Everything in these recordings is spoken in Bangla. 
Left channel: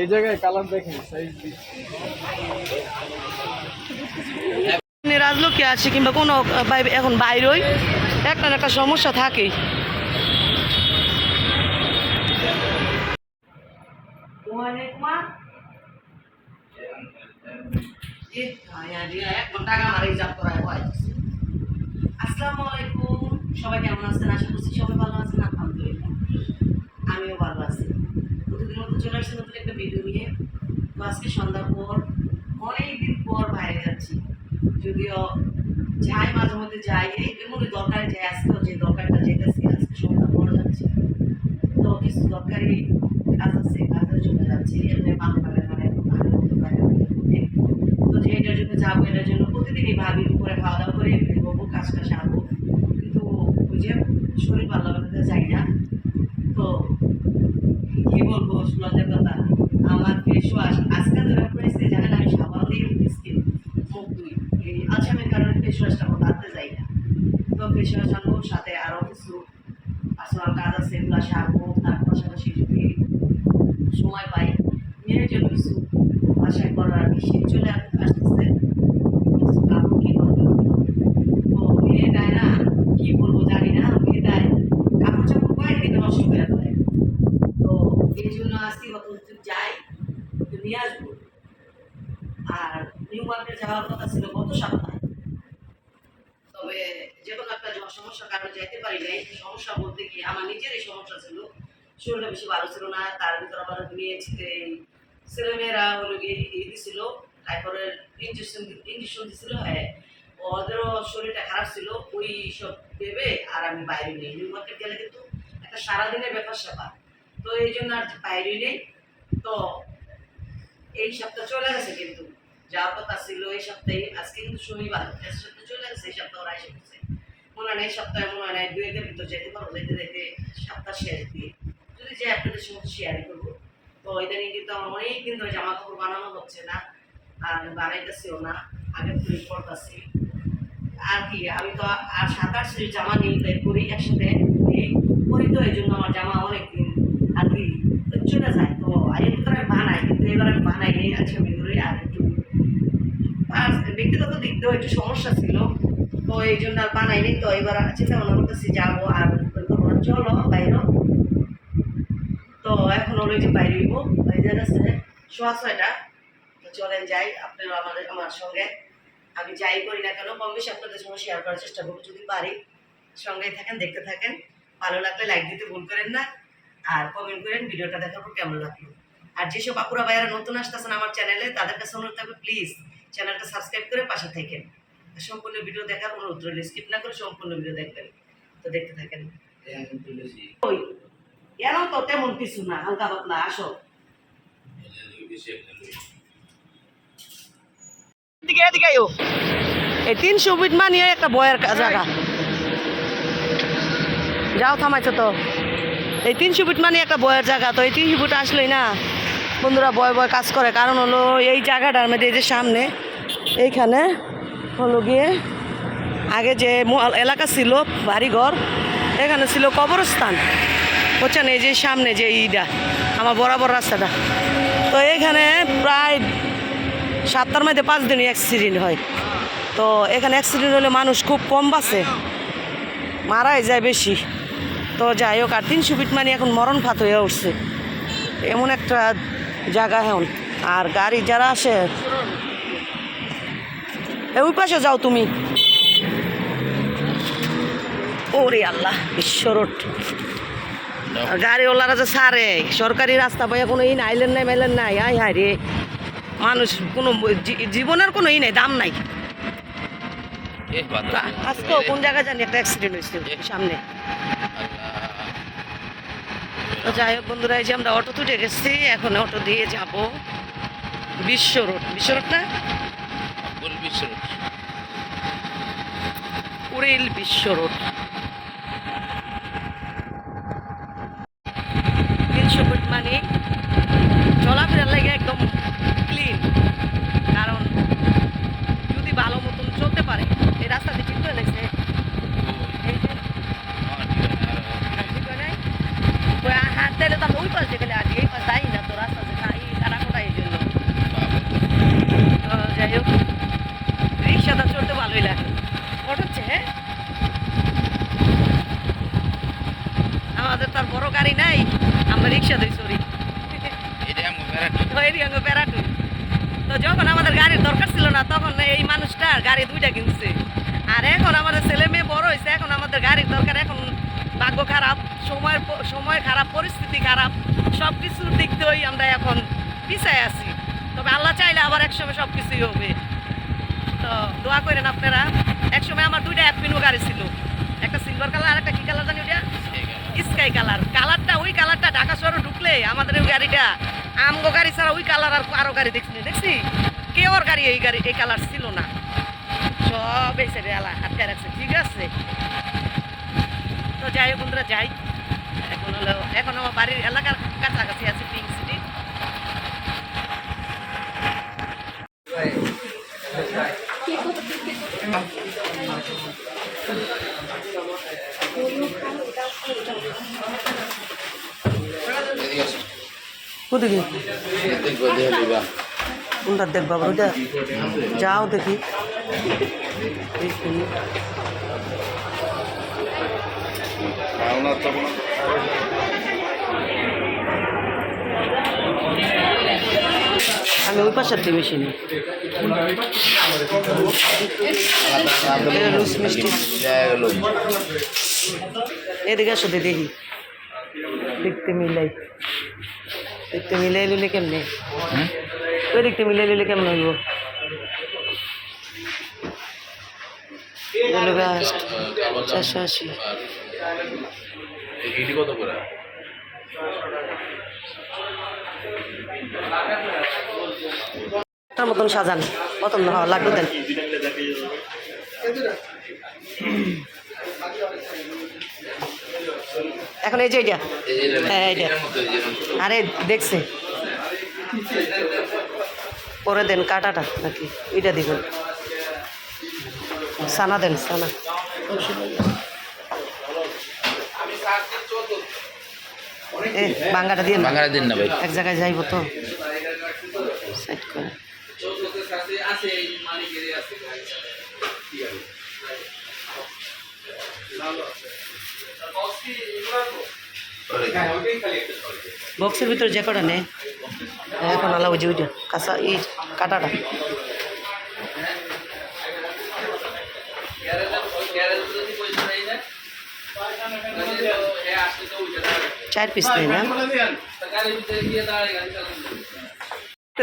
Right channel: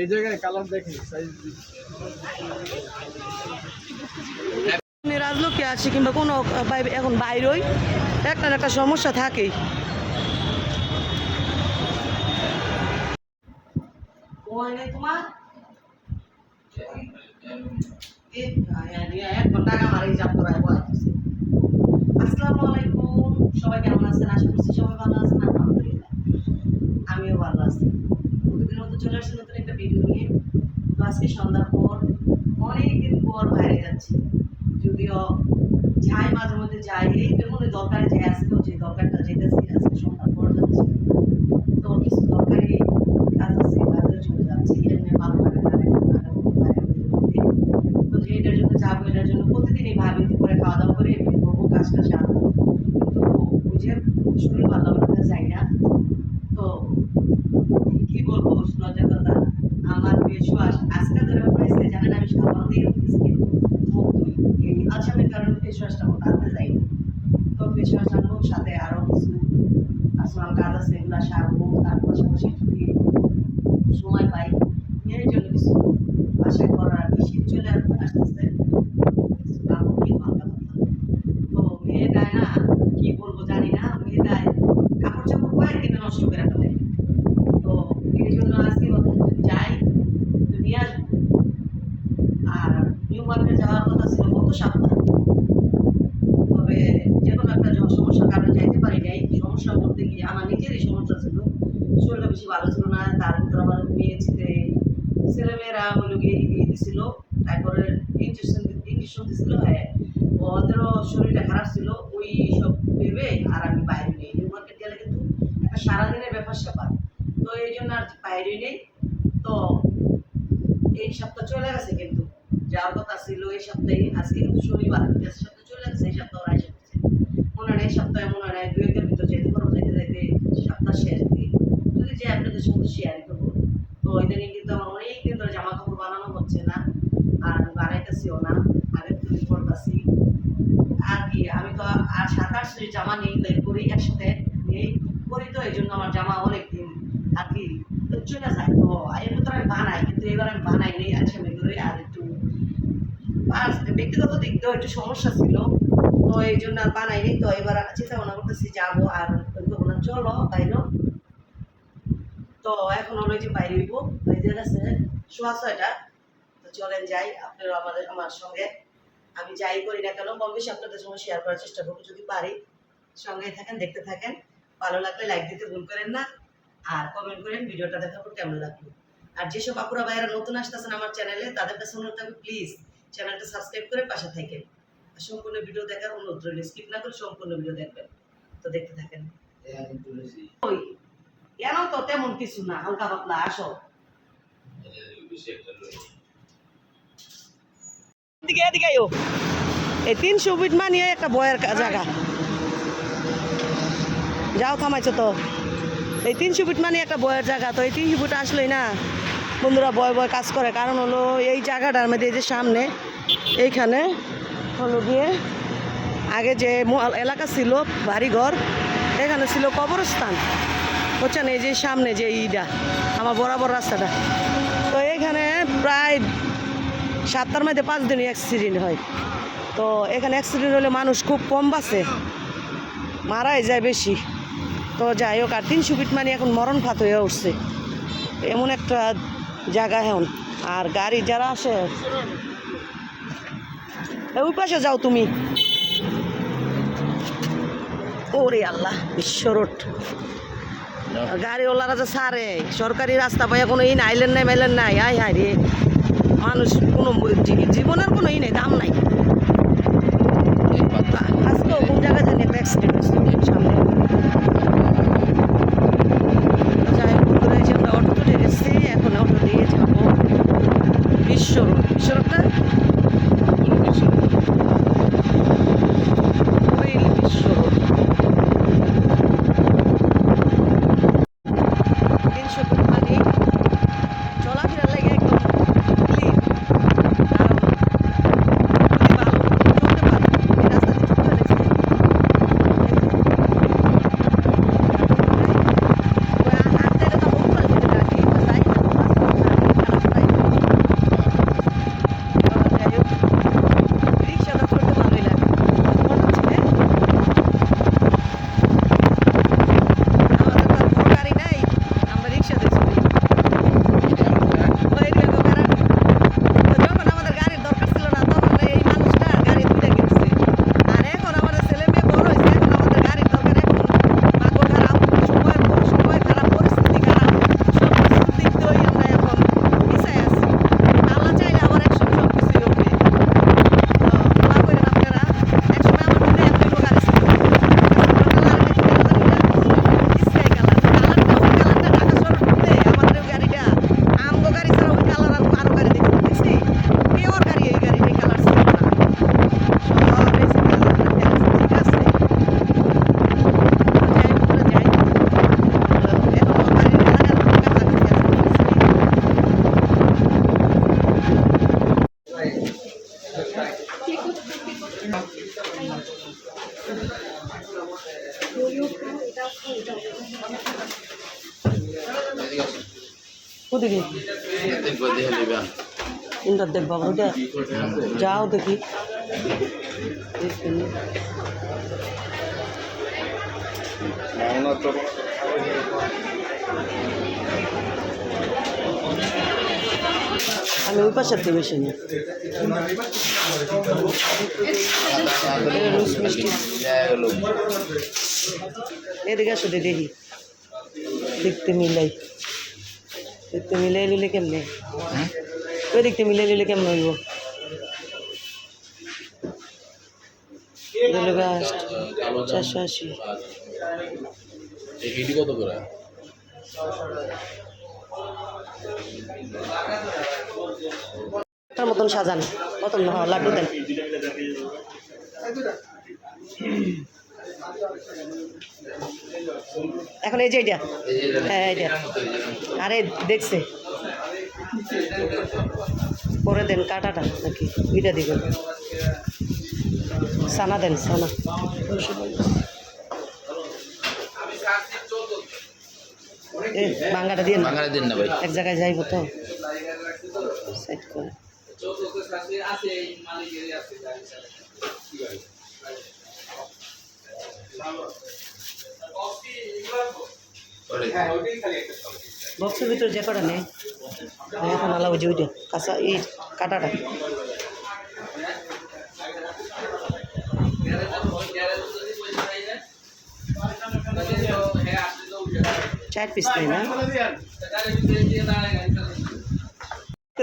এই জায়গায় কালার দেখেন সাইজ রাজলোকে আছে কিংবা কোনো এখন বাইরেই। একটা একটা সমস্যা থাকেই আসসালামু আলাইকুম। সবাই কেমন আছেন? আশা করছি সবাই ভালো আছেন আলহামদুলিল্লাহ। আমিও ভালো আছি। প্রতিদিন মতো চলে আসছি নতুন একটা ভিডিও নিয়ে। তো আজকে সন্ধ্যার পর অনেক দিন পর বাইরে যাচ্ছি। যদিও যাই মাঝে মধ্যে যাই, এই দরকারে যাই আজকেও যে দরকারটা যেতেছি, আজকে সন্ধ্যার পর যাচ্ছি। তো কিছু দরকারি কাজ আছে, কাজের জন্য যাচ্ছি। এমনি ভালো লাগে না তো যে এটার জন্য যাব, এটার জন্য প্রতিদিনই ভাবি দুপুরে খাওয়া দাওয়া করে বেরোবো কাজ কাজ আসব কিন্তু ওই যে শরীর ভালো লাগতে যাই না। কি বলব লজ্জার কথা? আমার ওয়াশ আজকাল ধরে পড়েছে, জানেন আমি সাবান মুখ ধুই এই আলসামের কারণে ফেস ওয়াশটা আনতে যাই না। তো ওয়াশ আনব, সাথে আরও কিছু পার্সোনাল কাজ আছে, এগুলো সারবো, তার পাশাপাশি যদি সময় পাই, মেয়ের জন্য কিছু বাসায় করার আর চলে আস- আসতেছে কিছু কাপড় কিনবো হালকা পাতলা। তো মেয়েটায় না কি বলব জানি না মেয়েটায় কাপড় চাপড় কয়েকদিনে নষ্ট করে ফেলে তো এই জন্য আজকে কত যাই তো নিয়ে আসব আর নিউ মার্কেট যাওয়ার কথা ছিল গত সপ্তাহে তবে যে কোনো একটা জ- সমস্যার কারণে যাইতে পারি নাই সমস্যা বলতে গিয়ে আমার নিজেরই সমস্যা ছিল। শরীরটা বেশি ভালো ছিল না, তার ভিতরে আমার মেয়ে ছেলে, ছেলেমেয়েরা হলো গিয়ে ইয়ে দিছিল, তারপরে ইঞ্জেকশন ইঞ্জেকশন দিছিল হ্যাঁ। ওদেরও শরীরটা খারাপ ছিল, ওই সব ভেবে আর আমি বাইরে নেই। নিউ মার্কেট গেলে কিন্তু একটা সারাদিনের ব্যাপার স্যাপার। তো এই জন্য আর বাইরে নেই। তো এই সপ্তাহ চলে গেছে কিন্তু। যাওয়ার কথা ছিল এই সপ্তাহে, আজকে কিন্তু শনিবার নেক্সট সপ্তাহ চলে গেছে এই সপ্তাহ ওরা এসে গেছে মনে নেই সপ্তাহে মনে নেই দুই একের ভিতর যেতে পারব যেতে যেতে সপ্তাহ শেষ দিয়ে যদি যে আপনাদের সঙ্গে শেয়ার করব তো ইদানিং কিন্তু আমার অনেক দিন ধরে জামা কাপড় বানানো হচ্ছে না আর না, আগে আর কি, আমি তো আর সাত আট জামা করি একসাথে। করি তো এই জন্য আমার জামা অনেক দিন আর কি, চলে যায়। তো এর ভিতরে আমি বানাই, কিন্তু এবার আমি আমি আর একটু ব্যক্তিগত দিক দিয়েও একটু সমস্যা ছিল। তো এই জন্য আর বানাইনি তো এবার চিন্তা ভাবনা করতেছি যাব আর ওই করব না চলো বাইরে। তো এখন হলো যে বাইরে এই যে গেছে সোয়া ছয়টা। চলেন যাই আপনারা আমাদের, আমার সঙ্গে। আমি যাই করি না কেন কম বেশি আপনাদের সঙ্গে শেয়ার করার চেষ্টা করব। যদি পারি, সঙ্গেই থাকেন, দেখতে থাকেন। ভালো লাগলে লাইক দিতে ভুল করেন না। আর কমেন্ট করেন ভিডিওটা দেখার পর কেমন লাগল। আর যেসব আপুরা ভাইয়ারা নতুন আসতেছেন আমার চ্যানেলে তাদের কাছে অনুরোধ থাকবে প্লিজ চ্যানেলটা সাবস্ক্রাইব করে পাশে থাকেন। সম্পূর্ণ ভিডিও দেখার অনুরোধ রইল। স্কিপ না করে সম্পূর্ণ ভিডিও দেখবেন। তো দেখতে থাকেন। ওই তো তেমন কিছু না, হালকা পাতলা, আসো। এদিকে এদিকে। এই তিনশো ফিট মানিয়ে একটা বয়ের জায়গা। যাও, থামাইছো তো। এই তিনশো ফিট মানে একটা বয়ের জায়গা তো, এই তিনশো ফিট আসলেই না। বন্ধুরা বয় বয় কাজ করে, কারণ হলো এই জায়গাটার মধ্যে এই যে সামনে, এইখানে হলো গিয়ে আগে যে এলাকা ছিল বাড়িঘর, এখানে ছিল কবরস্থান। বুঝছেন? এই যে সামনে যে ইটা, আমার বরাবর রাস্তাটা। তো এইখানে প্রায় সাতটার মধ্যে পাঁচ দিনই অ্যাক্সিডেন্ট হয়। তো এখানে অ্যাক্সিডেন্ট হলে মানুষ খুব কম বাঁচে, মারাই যায় বেশি। তো যাই হোক, আর তিনশো ফিট মানে এখন মরণ ফাত হয়ে উঠছে। এমন একটা জায়গা এখন। আর গাড়ি যারা আসে ওই পাশে যাও তুমি। ওরে আল্লাহ বিশ্ব রোড গাড়িওয়ালারা যে সারে, সরকারি রাস্তা পাই কোনো ই আইলেন নাই, মাইলেন নাই, আয় হায় রে। মানুষ কোনো জীবনের কোনো ই নাই দাম নাই। আজকেও কোন জায়গায় জানি একটা অ্যাক্সিডেন্ট হয়েছে সামনে। যাই হোক বন্ধুরা এসে আমরা অটো তুলে গেছি এখন অটো দিয়ে যাব বিশ্ব রোড। বিশ্ব রোডটা কুড়িল বিশ্ব রোড। তিনশো ফুট মানে চলাফেরার লাগে একদম ক্লিন কারণ যদি ভালো মতো চলতে পারে এই রাস্তা দিয়ে ঠিক করে লেগেছে এই যে আর ঠিক করে নাই? ওই হাত দিলে তো আমি ওই পাশে গেলে আর এই পাশে আই না তো রাস্তা ওই দিকে গো প্যারাট তো যখন আমাদের গাড়ির দরকার ছিল না তখন এই মানুষটা গাড়ি দুইটা কিনছে আর এখন আমাদের ছেলে মেয়ে বড় হয়েছে এখন আমাদের গাড়ির দরকার এখন ভাগ্য খারাপ সময়ের প- সময় খারাপ পরিস্থিতি খারাপ সব কিছুর দিক দিয়েই আমরা এখন পিছায় আছি তবে আল্লাহ চাইলে আবার একসময় সব কিছুই হবে তো দোয়া করেন আপনারা একসময় আমার দুইটা অ্যাপিনো গাড়ি ছিল একটা সিলভার কালার একটা কি কালার জানি ওটা স্কাই কালার কালারটা ওই কালারটা ঢাকা শহরে ঢুকলে আমাদের ওই গাড়িটা আমগো গাড়ি ছাড়া ওই কালার আর আরও গাড়ি দেখছি দেখছি কেউ আর গাড়ি এই গাড়ি এই কালার ছিল না সব এই সাইডে আল্লাহ হাতে রাখছে ঠিক আছে তো যাই হোক আমরা যাই এখন হলো এখন আমার বাড়ির এলাকার কাছাকাছি আছে পিঙ্ক সিটি ওদিকে কোনটা দেখব আবার ওইটা যাও দেখি। আমি ওই পাশের দিয়ে বেশি নিই। রুস মিষ্টি। এদিকে আসো দেখি। দেখতে মিলাই। দেখতে মিলাই নিলে কেমনে? ওই দেখতে মিলাই নিলে কেমন হইব? এগুলো গাছ চারশো আশি। কত করে? তার মতন সাজান মতন লাড্ডু দেন। এখন এই যে এইটা হ্যাঁ এইটা আরে দেখছে। করে দেন কাটাটা নাকি ওইটা দিবেন। সানা দেন সানা। এ বাঙ্গাটা দিয়ে দিন না ভাই। এক জায়গায় যাইব তো। বক্সের ভিতরে যে কটা নেই এখন আলা যে ওইটা কাঁচা ই কাটাটা। চার পিস নেই না?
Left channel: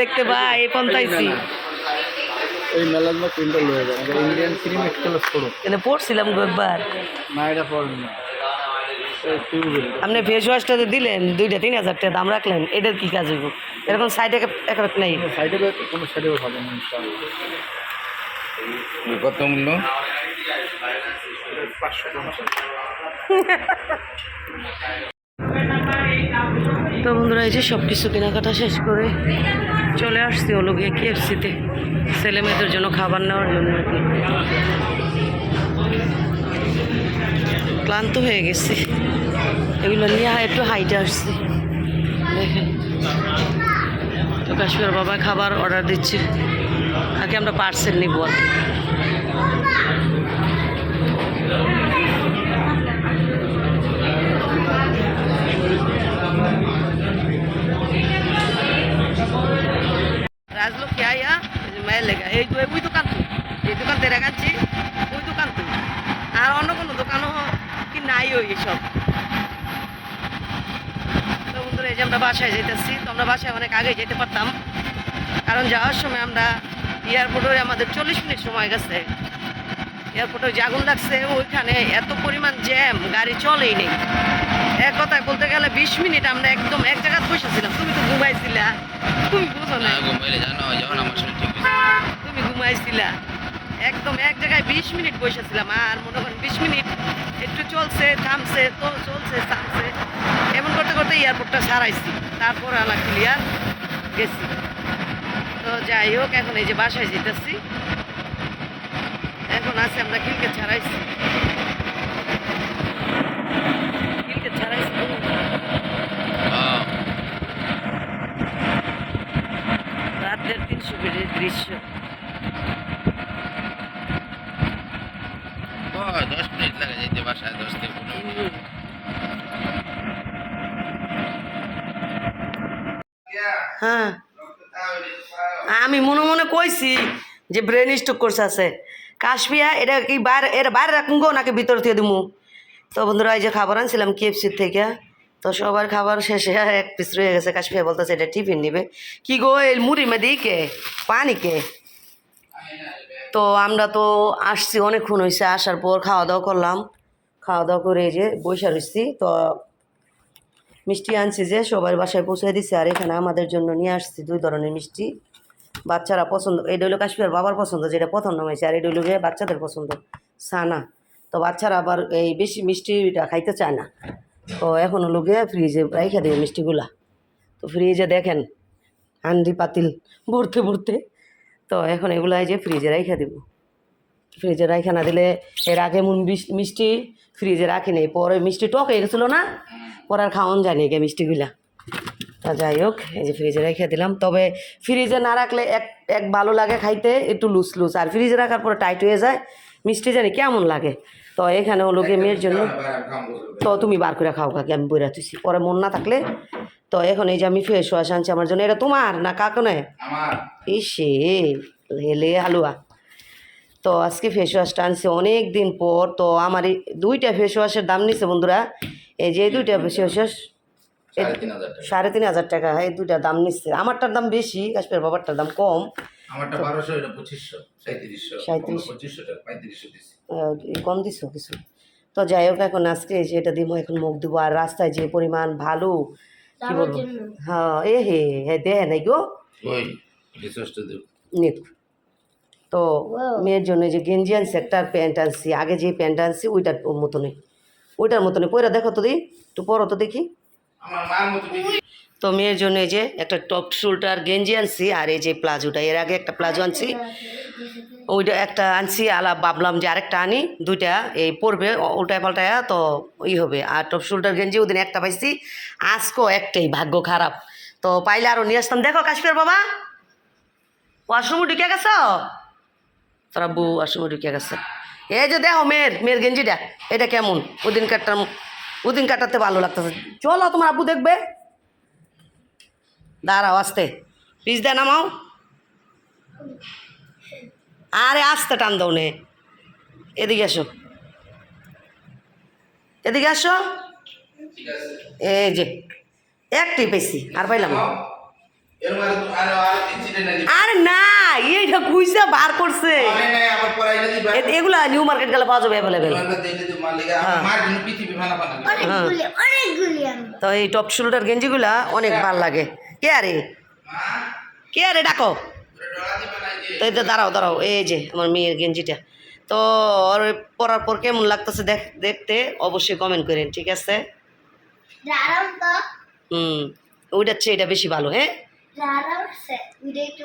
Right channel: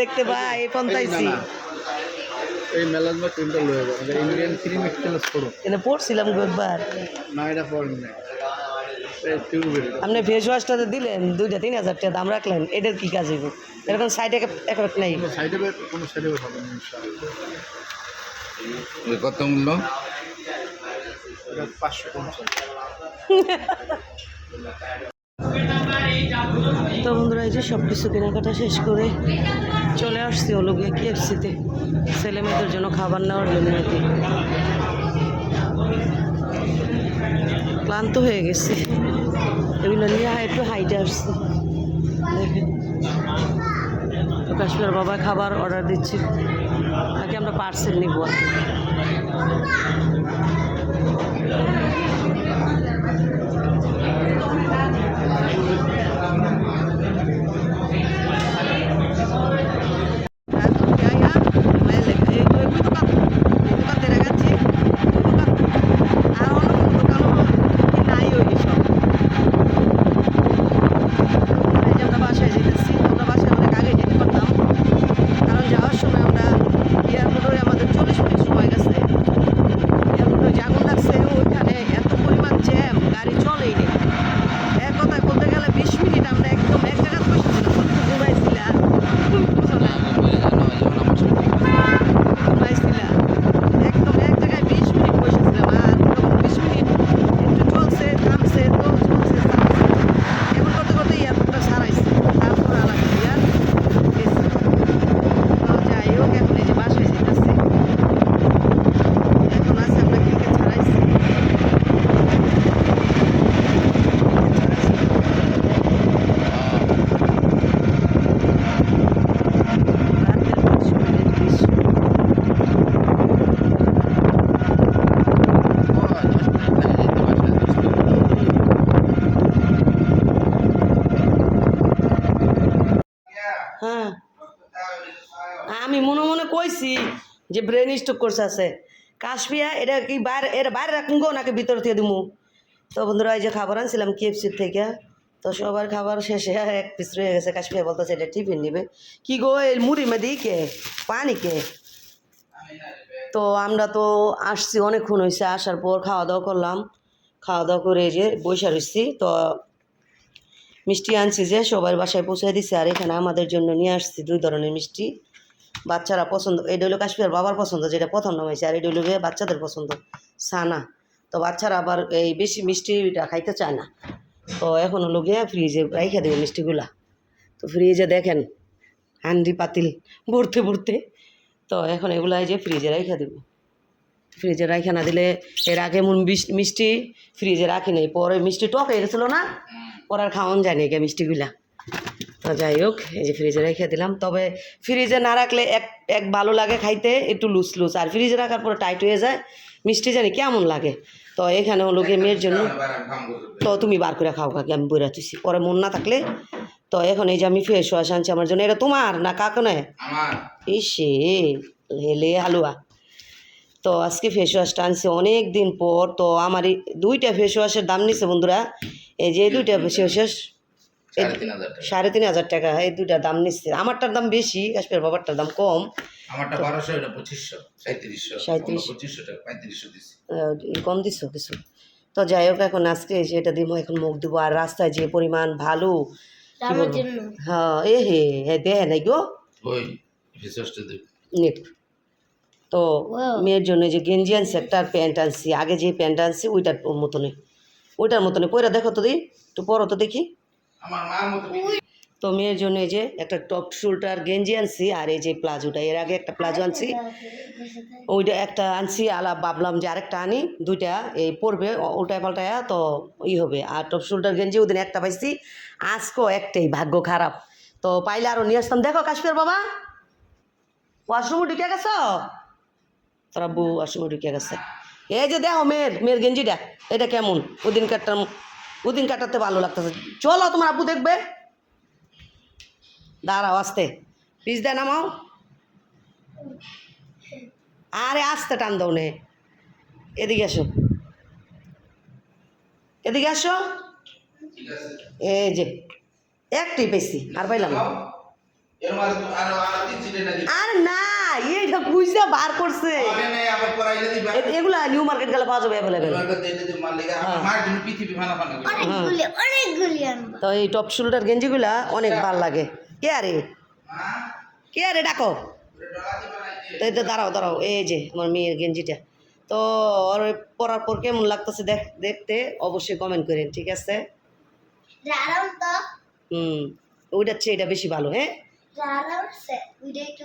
দেখতে ভাই এই পন্থাইছি এই মেলাজমা হয়ে যায় আমাদের ইন্ডিয়ান ক্রিম একটু ছোড়ো এখানে পড়ছিলাম গো একবার। না এটা পড়বে না। এই আপনি ফেস ওয়াশটা তো দিলেন দুইটা তিন হাজার টাকা দাম রাখলেন এটার কি কাজ হইব? এরকম সাইডে একেবারে নেই। সাইডে কোনো সাইডে হবে না কত মূল্য? তো বন্ধুরা এই যে সব কিছু কেনাকাটা শেষ করে চলে আসছি হলো গিয়ে কেএফসিতে ছেলে মেয়েদের জন্য খাবার নেওয়ার জন্য আর কি। ক্লান্ত হয়ে গেছি। এগুলো নিয়ে একটু হাইটে আসছি। দেখেন। তো কাশ্মীর বাবা খাবার অর্ডার দিচ্ছি। তাকে আমরা পার্সেল নিব আর এয়ারপোর্টে আমাদের চল্লিশ মিনিট সময় গেছে। এয়ারপোর্টে যে আগুন লাগছে ওইখানে এত পরিমাণ জ্যাম গাড়ি চলেই নেই। এক কথায় বলতে গেলে বিশ মিনিট আমরা একদম এক জায়গায় বসেছিলাম তুমি তো ঘুমাইছিলা। তুমি বুঝো না। তুমি ঘুমাইছিলা। একদম এক জায়গায় বিশ মিনিট বসেছিলাম আর মনে করো বিশ মিনিট একটু চলছে থামছে তো চলছে থামছে এমন করতে করতে এয়ারপোর্টটা সারাইছি তারপর আলা ক্লিয়ার গেছি তো যাই হোক এখন এই যে বাসায় যেতেছি। এখন আছে আমরা ক্রিকেট ছাড়াইছি। হ্যাঁ। আমি মনে মনে কইছি যে ব্রেন স্ট্রোক করছে আছে। কাশপিয়া এটা কি বাইরে এটা বাইরে রাখুন গো, নাকি ভিতর থেকে দিমু? তো বন্ধুরা, এই যে খাবার আনছিলাম কেএফসির থেকে, তো সবার খাবার শেষে এক পিস রয়ে গেছে। কাশপিয়া বলতেছে, এটা টিফিন নিবে। কি গো, এই মুড়ি মেদি কে? পানি কে? তো আমরা তো আসছি অনেকক্ষণ হয়েছে আসার পর খাওয়া দাওয়া করলাম। খাওয়া দাওয়া করে এই যে বৈশা রয়েছি তো মিষ্টি আনছি যে সবার বাসায় পৌঁছে দিছে, আর এখানে আমাদের জন্য নিয়ে আসছি দুই ধরনের মিষ্টি। বাচ্চারা পছন্দ এটা হলো কাশ্মীর বাবার পছন্দ, যেটা প্রথম নাম হয়েছে আর এটা হলো বাচ্চাদের পছন্দ সানা তো বাচ্চারা আবার এই বেশি মিষ্টিটা খাইতে চায় না। তো এখন হলো গিয়ে ফ্রিজে রাইখা দেবো মিষ্টিগুলা। তো ফ্রিজে দেখেন, হান্ডি পাতিল ভরতে ভরতে। তো এখন এগুলো এই যে ফ্রিজে রাইখা দেবো। ফ্রিজে রাইখা না দিলে এর আগে বিস- মিষ্টি ফ্রিজে রাখি নেই, পরে মিষ্টি টক হয়ে গেছিল না? পরে আর খাওয়ান যায় নাকি মিষ্টিগুলা। যাই হোক এই যে ফ্রিজে রেখে দিলাম। তবে ফ্রিজে না রাখলে এক এক ভালো লাগে খাইতে একটু লুজ লুজ আর ফ্রিজে রাখার পরে টাইট হয়ে যায় মিষ্টি জানি কেমন লাগে। তো এখানে হলো গিয়ে মেয়ের জন্য তো তুমি বার করে খাও কাকি আমি বইরা তুইছি পরে মন না থাকলে তো এখন এই যে আমি ফেস ওয়াশ আনছি আমার জন্য এটা তোমার না কাকনে আমার। ইসে হেলে হালুয়া। তো আজকে ফেস ওয়াশটা আনছি অনেক দিন পর তো আমার এই দুইটা ফেস ওয়াশের দাম নিছে বন্ধুরা। এই যে দুইটা ফেস ওয়াশ সাড়ে তিন হাজার টাকা। সাড়ে তিন হাজার টাকা এই দুইটার দাম নিচ্ছে আমারটার দাম বেশি কাশ্মীর বাবারটার দাম কম। আমারটা বারোশো এটা পঁচিশশো সাঁত্রিশশো। পঁচিশশো টাকা কম দিছো কিছু? তো যাই হোক এখন আজকে এটা দিব এখন মুখ দিব আর রাস্তায় যে পরিমাণ ভালো কি বলব? হ্যাঁ এ হে হে দেহে নাই গো। তো মেয়ের জন্য এই যে গেঞ্জি আনছি একটা প্যান্ট আনছি। আগে যে প্যান্ট আনছি ওইটার মতনই। ওইটার মতনই। পয়রা দেখো তো দি একটু পরো তো দেখি। তো মেয়ের জন্য এই যে একটা টপ শোল্ডার গেঞ্জি আনছি, আর এই যে প্লাজোটা, এর আগে একটা প্লাজো আনছি। ওইটা একটা আনছি, আলা ভাবলাম যে আরেকটা আনি, দুইটা, এই পরবে উল্টায় পাল্টায়, তো ই হবে। আর টপ শোল্ডার গেঞ্জি, ওদিন একটা পাইছি আজকেও একটাই, ভাগ্য খারাপ। তো পাইলে আরও নিয়ে আসতাম। দেখো কাশ্মীর বাবা, ওয়াশরুমে ঢুকে গেছ? তোরা বউ, ওয়াশরুমে ঢুকে গেছে। এই যে দেখো মেয়ের মেয়ের গেঞ্জিটা, এটা কেমন? ওদিন ওদিন কাটাতে ভালো লাগতেছে। চলো, তোমার আব্বু দেখবে। দাঁড়াও, আসতে। পিস দেয় নামাও। আরে, আসতে টান দাও নে। এদিকে আসো। এদিকে আসো। এই যে একটি পেয়েছি আর পাইলাম আরও না আরে না এইটা খুঁজা বার করছে। এগুলা নিউ মার্কেট গেলে পাওয়া যাবে অ্যাভেলেবেল তো হ্যাঁ। তো এই টপ শোল্ডার গেঞ্জিগুলা অনেক ভালো লাগে। কে আরে? কে আরে ডাকো। তো এটা দাঁড়াও দাঁড়াও এই যে আমার মেয়ের গেঞ্জিটা। তো ওর পরার পর কেমন লাগতেছে দেখ দেখতে অবশ্যই কমেন্ট করেন ঠিক আছে? হুম ওইটার চেয়ে এটা বেশি ভালো হ্যাঁ? দাঁড়াও সে উঠে একটু